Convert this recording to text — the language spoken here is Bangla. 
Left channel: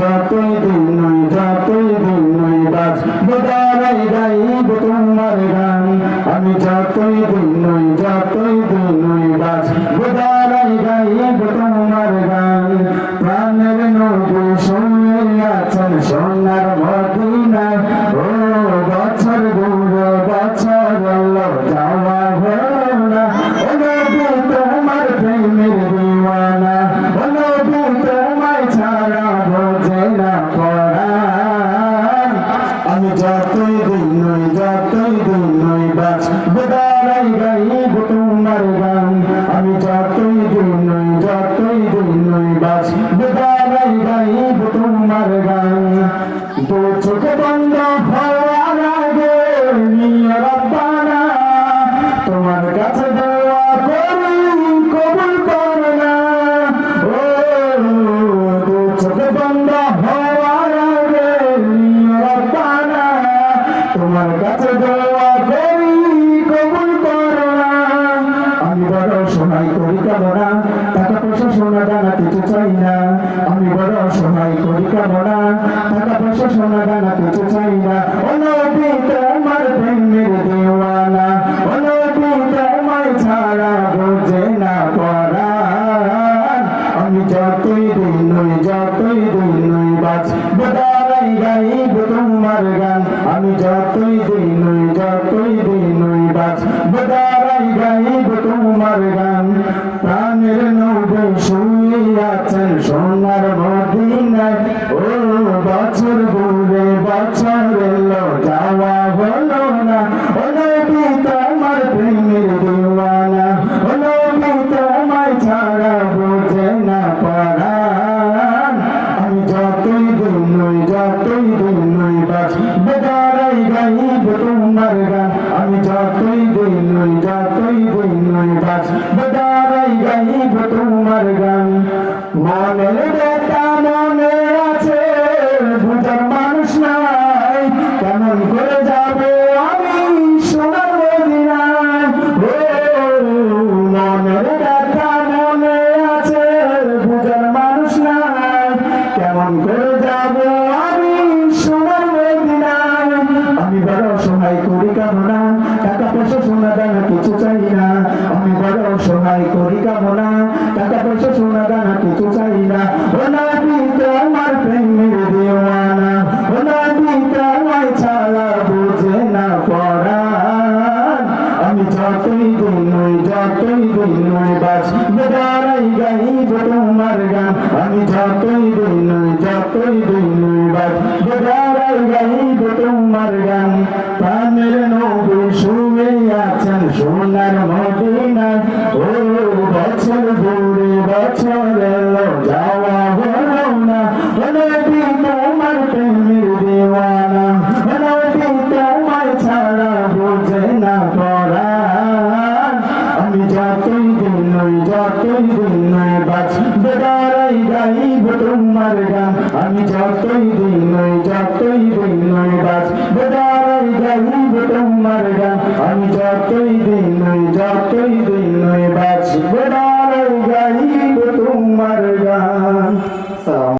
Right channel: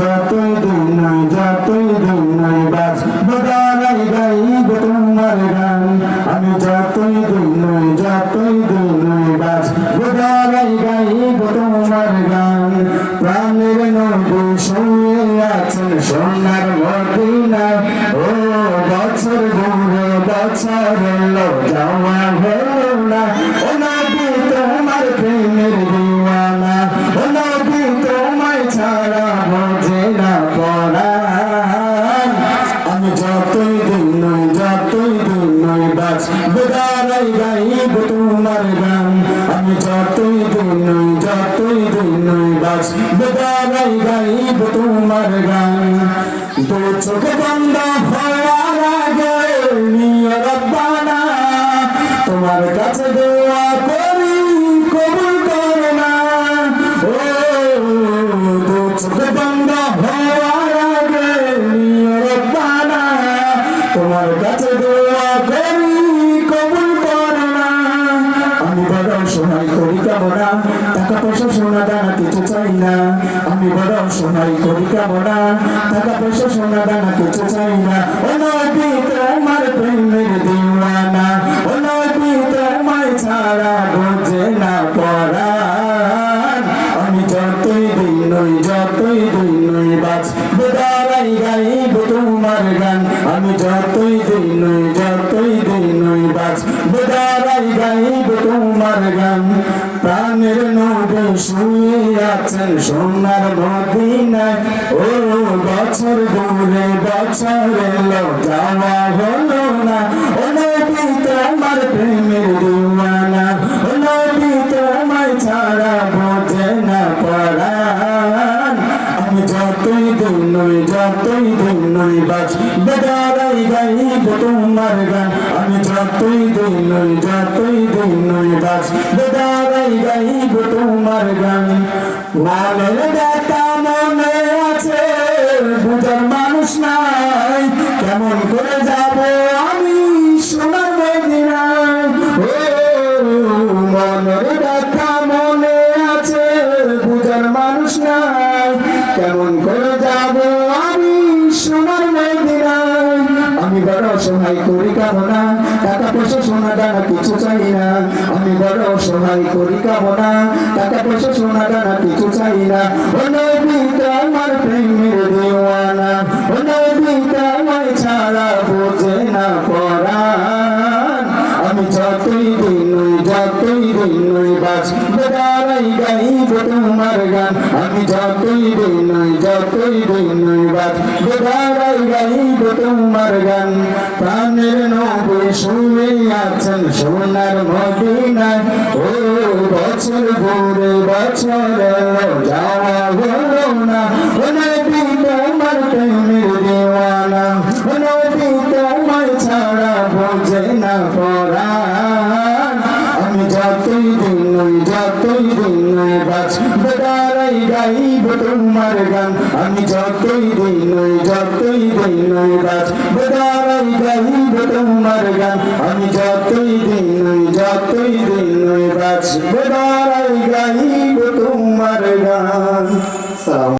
যতই দিন বাঁচব দাঁড়াই গাইব তোমার গান। আমি যতই দিন বাঁচব দাঁড়াই গাইব তোমার গান। প্রাণের নবী শুয়ে আছেন সোনার মদিনায়, ও বছর ঘুরে বছর এলো যাওয়া হলো না। ও নবী তোমার প্রেমের দিওয়ানা, ও নবী তোমায় ছাড়া বোঝে না পরাণ। আমি যতই দিন বাঁচব দাঁড়াই গাইব তোমার গান। আমি যতই দিন বাঁচব দাঁড়াই গাইব তোমার গান। দু চোখ বন্ধ হওয়ার আগে নিয়ে রব্বানা তোমার কাছে দোয়া করি কবুল করো না। ও দু চোখ বন্ধ হওয়ার আগে নিয়ে রব্বানা তোমার কাছে দোয়া করি কবুল করো না। আমি বড় অসহায় করি কামনা, টাকা পয়সা সোনা দানা কিছু চাই না। আমি বড় অসহায় করি কামনা, টাকা পয়সা সোনা দানা কিছু চাই না। ও নবী তোমার প্রেমের দিওয়ানা, ও নবী তোমায় ছাড়া বোঝে না পরাণ। আমি যতই দিন বাঁচব দাঁড়াই গাইব তোমার গান। আমি যতই দিন বাঁচব দাঁড়াই গাইব তোমার গান। প্রাণের নবী শুয়ে আছেন সোনার মদিনায়, ও বছর ঘুরে বছর এলো যাওয়া হলো না। ও নবী তোমার প্রেমের দিওয়ানা, ও নবী তোমায় ছাড়া বোঝে না পরাণ। আমি যতই দিন বাঁচব দাঁড়াই গাইব তোমার গান। আমি যতই দিন বাঁচব দাঁড়াই গাইব তোমার গান। মনের ব্যথা মনে আছে বুঝার মানুষ নাই, কেমন করে যাব আমি সোনার মদিনায়। ও মনের ব্যথা মনে আছে বুঝার মানুষ নাই, কেমন করে যাব আমি সোনার মদিনায়। আমি বড় অসহায় করি কামনা, টাকা পয়সা সোনা দানা কিছু চাই না। আমি বড় অসহায় করি কামনা, টাকা পয়সা সোনা দানা কিছু চাই না। ও নবী তোমার প্রেমের দিওয়ানা, ও নবী তোমায় ছাড়া বোঝে না পরাণ। আমি যতই দিন বাঁচব দাঁড়াই গাইব তোমার গান। আমি যতই দিন বাঁচব দাঁড়াই গাইব তোমার গান। প্রাণের নবী শুয়ে আছেন সোনার মদিনায়, ও বছর ঘুরে বছর এলো যাওয়া হলো না। ও নবী তোমার প্রেমের দিওয়ানা, ও নবী তোমায় ছাড়া বোঝে না পরাণ। আমি যতই দিন বাঁচব দাঁড়াই গাইব তোমার গান। আমি যতই দিন বাঁচব দাঁড়াই গাইব তোমার গান। আমি যতই দিন বাঁচব দাঁড়াই গাইব তোমার গান।